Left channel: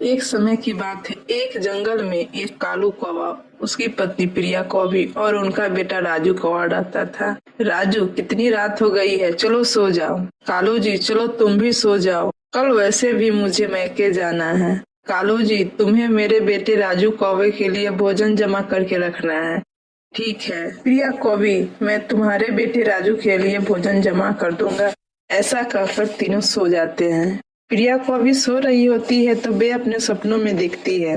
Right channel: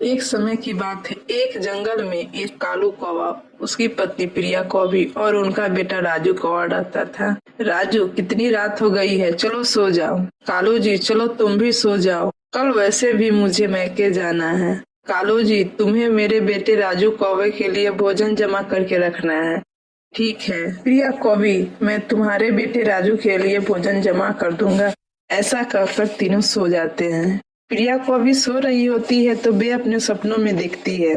एक समय की बात है, एक जंगल में एक कालू कौवा, उसकी पत्नी प्रिया कौवी और उनका बेटा राजू कौवा रहता था। राजू, कितनी रात हो गई है, चलो सो जाओ। कालू जी, चलो तुम भी सो जाओ, कल वैसे भी मुझे मैके जाना है। कालू जी, तुम्हें मेरे बेटे राजू कौवे के लिए भोजन जमा करके रखना है। ठीक है प्रिया कौवी, मैं तुम्हारे बेटे राजू के लिए भोजन जमा कर दूंगा। ऐसा कहकर तीनों सो जाते हैं। प्रिया कौवी सो रही होती है तो वे अपने सपनों में दिखती है,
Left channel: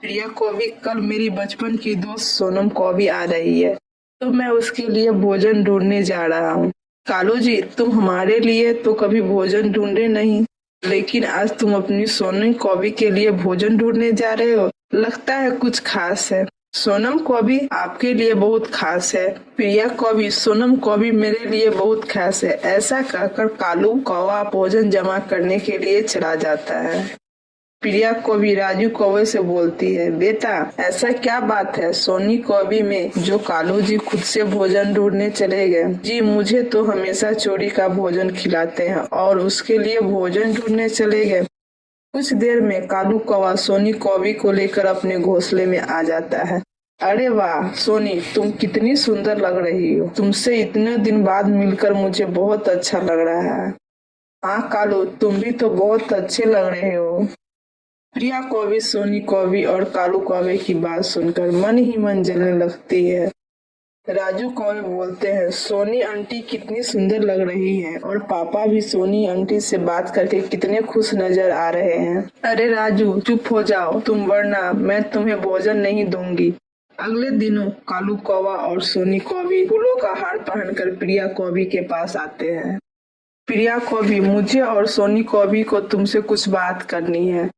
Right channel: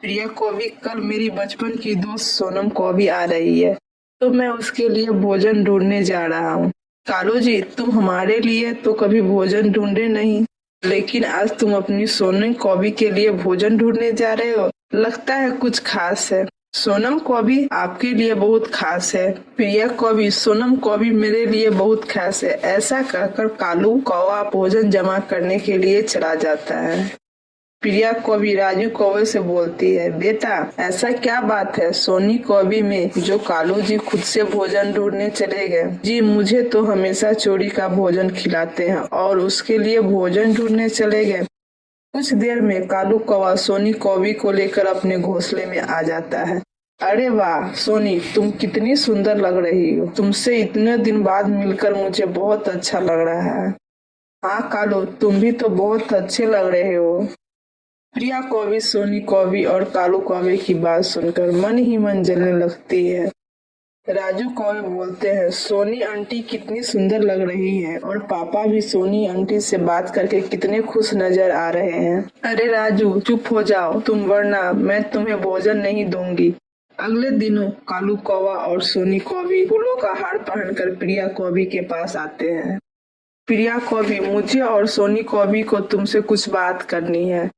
प्रिया कौवी, कल मेरी बचपन की दोस्त सोनम कौवी आ रही है, तो मैं उसके लिए भोजन ढूंढने जा रहा हूँ। कालू जी, तुम हमारे लिए तो कभी भोजन ढूंढे नहीं, लेकिन आज तुम अपनी सोनम कौवी के लिए भोजन ढूंढने जा रहे हो। लगता है कुछ खास है। सोनम कौवी आपके लिए बहुत खास है। प्रिया कौवी, सोनम कौवी मेरे लिए बहुत खास है। ऐसा कहकर कालू कौवा भोजन जमा करने के लिए चला जाता है। प्रिया कौवी राजू कौवे से बोलती है, बेटा ऐसा क्या बात है सोनी कौवी में जो कालू जी खुद से भोजन ढूंढने चले गए? जी, मुझे तो हमेशा चोरी का भोजन खिलाते हैं और उसके लिए भोजन ढूंढने चले गए। कुछ देर में कालू कौवा सोनी कौवी को लेकर अपने घोंसले में आ जाता है। अरे वाह सोनी, तुम कितनी सुंदर लग रही हो। तुमसे इतने दिन बाद मिलकर मुझे बहुत अच्छा लग रहा है। हाँ कालू, तुम भी तो बहुत अच्छे लग रहे हो। प्रिया कौवी सोनी कौवी और कालू कौवे की बात सुनकर मन ही मन जलने लगती है। राजू कौवे बोलते हैं, सोनी आंटी कितनी सुंदर लग रही है और पापा भी सोनी आंटी से बात करके कितने खुश नजर आ रहे हैं। अरे राजू, चुप हो जाओ तुम, वरना मैं तुम्हें भोजन नहीं दूंगी। अगले दिनों कालू कौवा और सोनी कौवी फूलों का हार पहनकर प्रिया कौवी के पास आते हैं। प्रिया कौवी, मुझे और सोनी कौवी को तुमसे कुछ बात करनी है।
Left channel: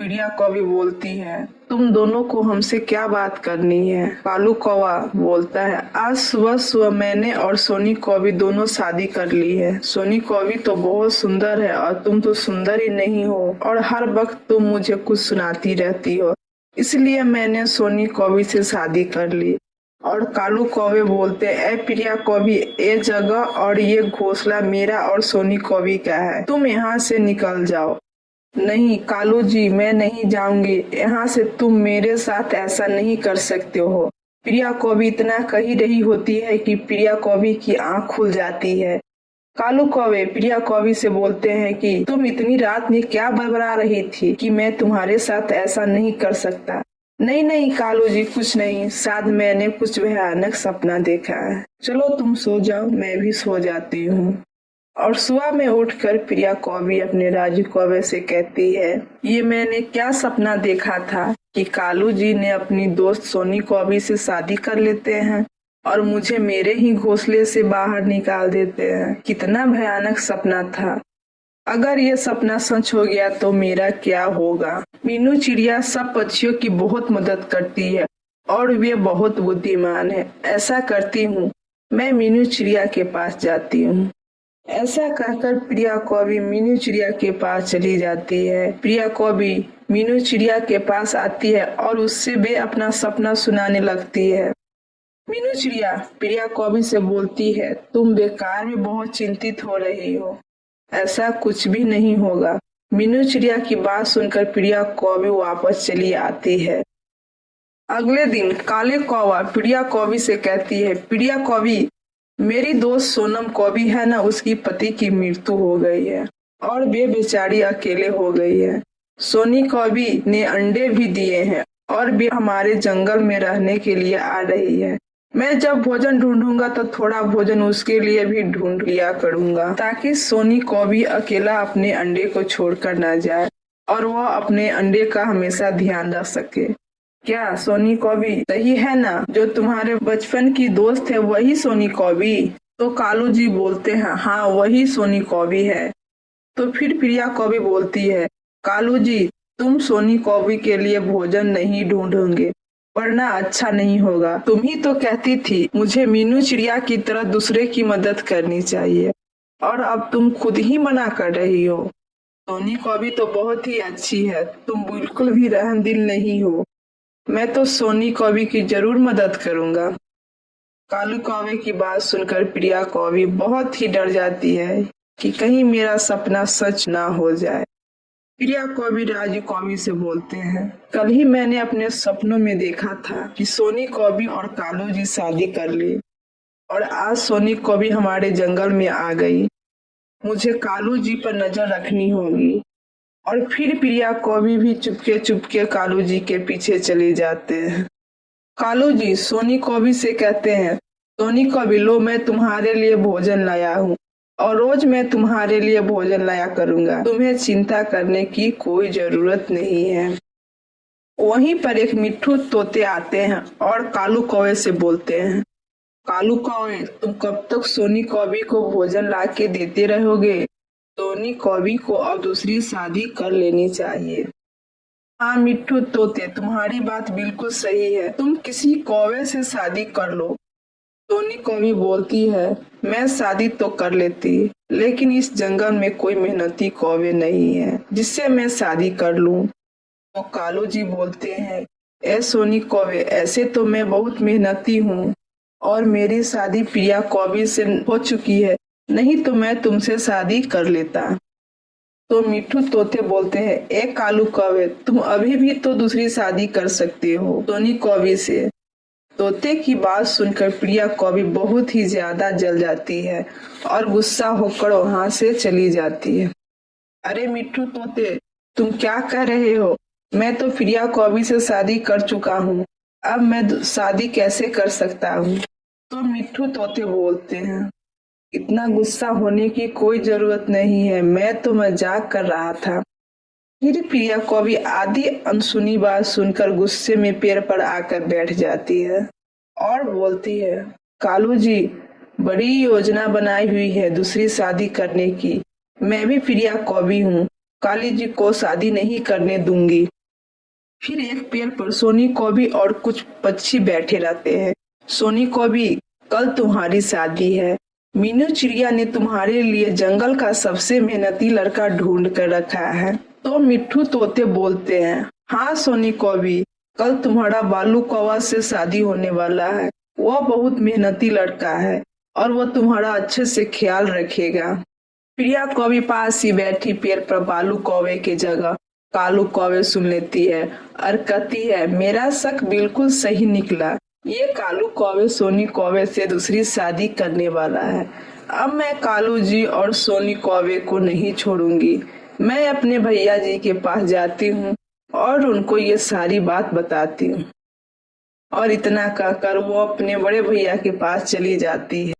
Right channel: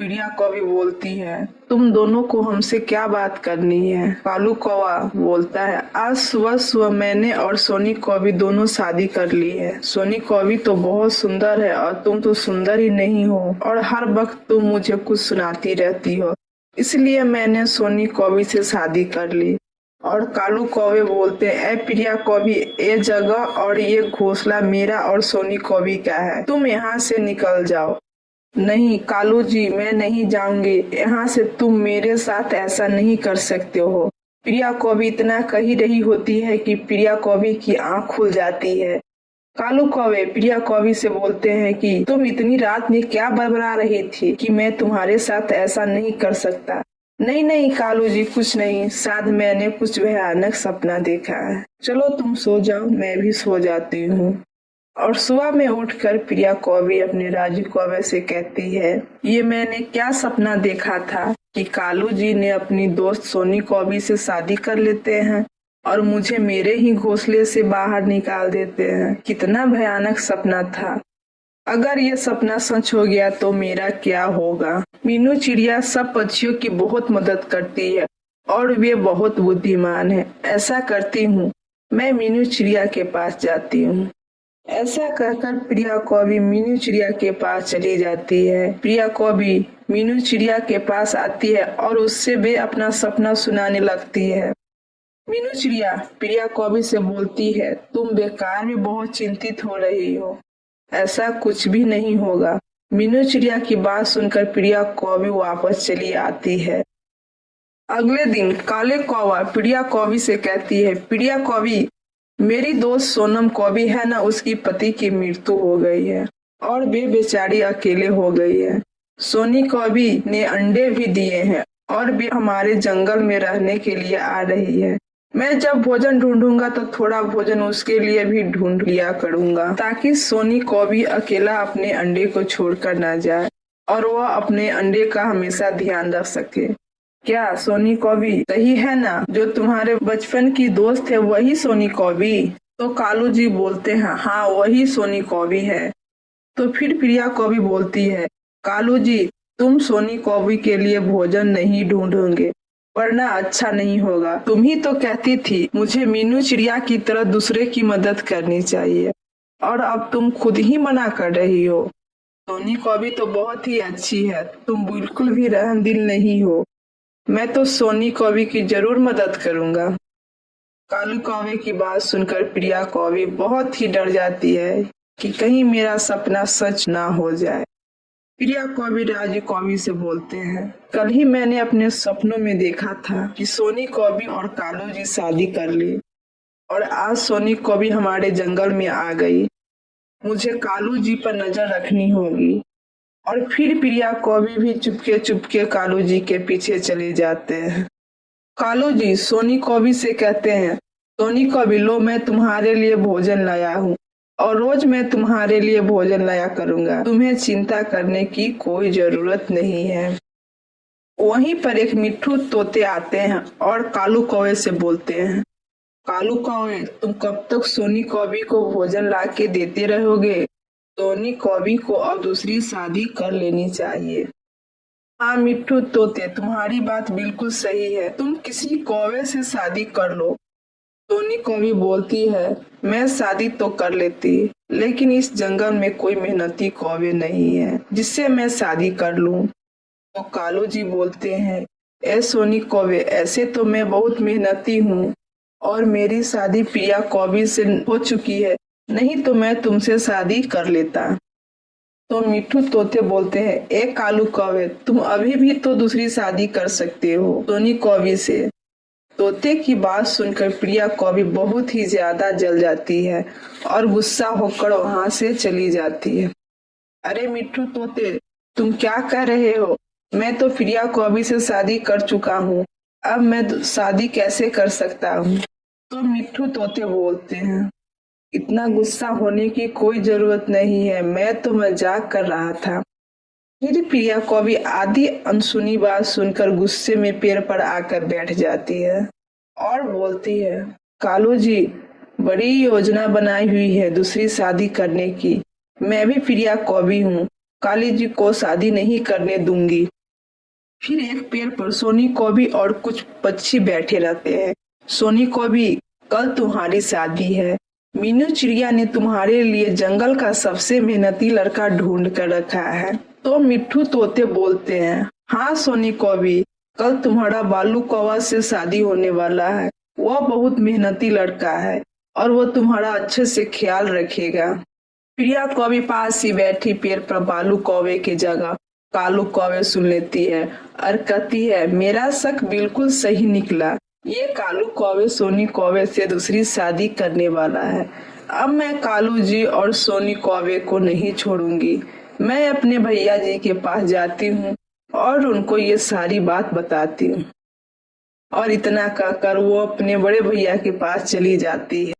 प्रिया कौवी बोलती है, तुम दोनों को हमसे क्या बात करनी है? कालू कौवा बोलता है, आज सुबह सुबह मैंने और सोनी कौवी दोनों शादी कर ली है। सोनी कौवी तो बहुत सुंदर है और तुम तो सुंदर ही नहीं हो और हर वक्त तुम मुझे कुछ सुनाती रहती हो, इसलिए मैंने सोनी कौवी से शादी कर ली। और कालू कौवे बोलते, ए प्रिया कौवी, ये जगह और ये घोंसला मेरा और सोनी कौवी का है, तुम यहाँ से निकल जाओ। नहीं कालू जी, मैं नहीं जाऊंगी यहाँ से, तुम मेरे साथ ऐसा नहीं कर सकते हो। प्रिया कौवी इतना कही रही होती है कि प्रिया कौवी की आंख खुल जाती है। कालू कौवे प्रिया कौवी से बोलते हैं कि तुम इतनी रात में क्या बड़बड़ा रही थी कि मैं तुम्हारे साथ ऐसा नहीं कर सकता। नहीं नहीं कालू जी, कुछ नहीं, शायद मैंने कुछ भयानक सपना देखा है। चलो तुम सो जाओ, मैं भी सो जाती हूँ। और सुबह में उठकर प्रिया कौवी अपने राजू कौवे से कहती है, ये मैंने क्या सपना देखा था कि कालू जी ने अपनी दोस्त सोनी कौवी से शादी कर लेते हैं और मुझे मेरे ही घोंसले से बाहर निकाल देते हैं। कितना भयानक सपना था। अगर ये सपना सच हो गया तो मेरा क्या होगा? मीनू चिड़िया सब पक्षियों की बहुत मदद करती है और वे बहुत बुद्धिमान है। ऐसा करती हूँ, मैं मीनू चिड़िया के पास जाती हूँ। ऐसा कहकर प्रिया कौवी मीनू चिड़िया के पास चली जाती है। प्रिया कौवी मीनू चिड़िया के पास आती है और उससे वे अपना सपना सुनाने लगती है। मीनू चिड़िया प्रिया कौवी से बोलती है, तुम बेकार में बहुत चिंतित हो रही हो, ऐसा कुछ भी नहीं होगा। मीनू चिड़िया की बात सुनकर प्रिया कौवी वापस चली आती है। अगले दिन काले कौवा प्रिया कौवी से कहती है, प्रिया कौवी, मेरी दोस्त सोनम कौवी है ना, उसकी पति की मृत्यु हो गई है और वे बेचारी अकेले हो गई है। सोनी कौवी ने अंडे भी दिए हैं और वे हमारे जंगल में रहने के लिए आ रही है। मैं जब भोजन ढूंढूंगा तो थोड़ा भोजन उसके लिए भी ढूंढ लिया करूंगा, ताकि सोनी कौवी अकेला अपने अंडे को छोड़कर न जाए और वह अपने अंडे का हमेशा ध्यान रख सके। क्या सोनी कौवी सही है ना? जो तुम्हारे बचपन की दोस्त है वही सोनी कौवी? तो कालू जी बोलते हैं, हाँ वही सोनी कौवी है। तो फिर प्रिया कौवी बोलती है, कालू जी, तुम सोनी कौवी के लिए भोजन नहीं ढूंढोगे वरना अच्छा नहीं होगा। तुम ही तो कहती थी मुझे मीनू चिड़िया की तरह दूसरे की मदद करनी चाहिए और अब तुम खुद ही मना कर रही हो। सोनी कौवी तो बहुत ही अच्छी है, तुम बिल्कुल भी रहमदिल नहीं हो। मैं तो सोनी कौवी की जरूर मदद करूंगा। कालू कौवे की बात सुनकर प्रिया कौवी बहुत ही डर जाती है कि कहीं मेरा सपना सच ना हो जाए। प्रिया कौवी राजू कौवी से बोलते हैं, कल ही मैंने अपने सपनों में देखा था कि सोनी कौवी और कालू जी शादी कर ली और आज सोनी कौवी हमारे जंगल में आ गई। मुझे कालू जी पर नजर रखनी होगी। और फिर प्रिया कौवी भी चुपके चुपके कालू जी के पीछे चले जाते हैं। कालू जी सोनी कौवी से कहते हैं, सोनी कौवी लो, मैं तुम्हारे लिए भोजन लाया हूँ और रोज मैं तुम्हारे लिए भोजन लाया करूंगा। तुम्हें चिंता करने की कोई जरूरत नहीं है। वहीं पर एक मिट्ठू तोते आते हैं और कालू कौवे से बोलते हैं, कालू कौवे तुम कब तक सोनी कौवी को भोजन ला के देते रहोगे? सोनी कौवी को अब दूसरी शादी कर लेनी चाहिए। हाँ मिट्ठू तोते, तुम्हारी बात बिल्कुल सही है, तुम किसी कौवे से शादी कर लो। सोनी कौवी बोलती है, मैं शादी तो कर लेती, लेकिन इस जंगल में कोई मेहनती कौवे नहीं है जिससे मैं शादी कर लूं। तो कालू जी बोलते हैं, ए सोनी कौवे, ऐसे तो मैं बहुत मेहनती हूँ और मेरी शादी प्रिया कौवी से हो चुकी है, नहीं तो मैं तुमसे शादी कर लेता। तो मिट्ठू तोते बोलते हैं, ए कालू कौवे, तुम अभी भी तो दूसरी शादी कर सकते हो सोनी कौवी से। तोते की बात सुनकर प्रिया कौवी बहुत ही ज्यादा जल जाती है और गुस्सा होकर वहां से चली जाती है। अरे मिट्ठू तोते, तुम क्या कह रहे हो? मैं तो प्रिया कौवी से शादी कर चुका हूँ, अब मैं शादी कैसे कर सकता हूँ? तो मिट्ठू तोते बोलते हैं, इतना गुस्सा होने की कोई जरूरत नहीं है, मैं तो मजाक कर रहा था। फिर प्रिया कौवी आधी अनसुनी बात सुनकर गुस्से में पेड़ पर आकर बैठ जाती है और बोलती है, कालू जी बड़ी योजना बनाई हुई है दूसरी शादी करने की। मैं भी प्रिया कौवी हूँ, काली जी को शादी नहीं करने दूंगी। फिर एक पेड़ पर सोनी कौवी और कुछ पक्षी बैठे रहते हैं। सोनी कौवी, कल तुम्हारी शादी है, मीनू चिड़िया ने तुम्हारे लिए जंगल का सबसे मेहनती लड़का ढूंढ कर रखा है। तो मिट्ठू तोते बोलते हैं, हाँ सोनी कौवी, कल तुम्हारा बालू कौवा से शादी होने वाला है। वह बहुत मेहनती लड़का है और वह तुम्हारा अच्छे से ख्याल रखेगा। प्रिया कौवी पास ही बैठी पेड़ पर बालू कौवे की जगह कालू कौवे सुन लेती है और कहती है, मेरा शक बिल्कुल सही निकला, ये कालू कौवे सोनी कौवे से दूसरी शादी करने वाला है। अब मैं कालू जी और सोनी कौवे को नहीं छोड़ूंगी। मैं अपने भैया जी के पास जाती हूँ और उनको ये सारी बात बताती हूँ। और इतना कहकर वो अपने बड़े भैया के पास चली जाती है।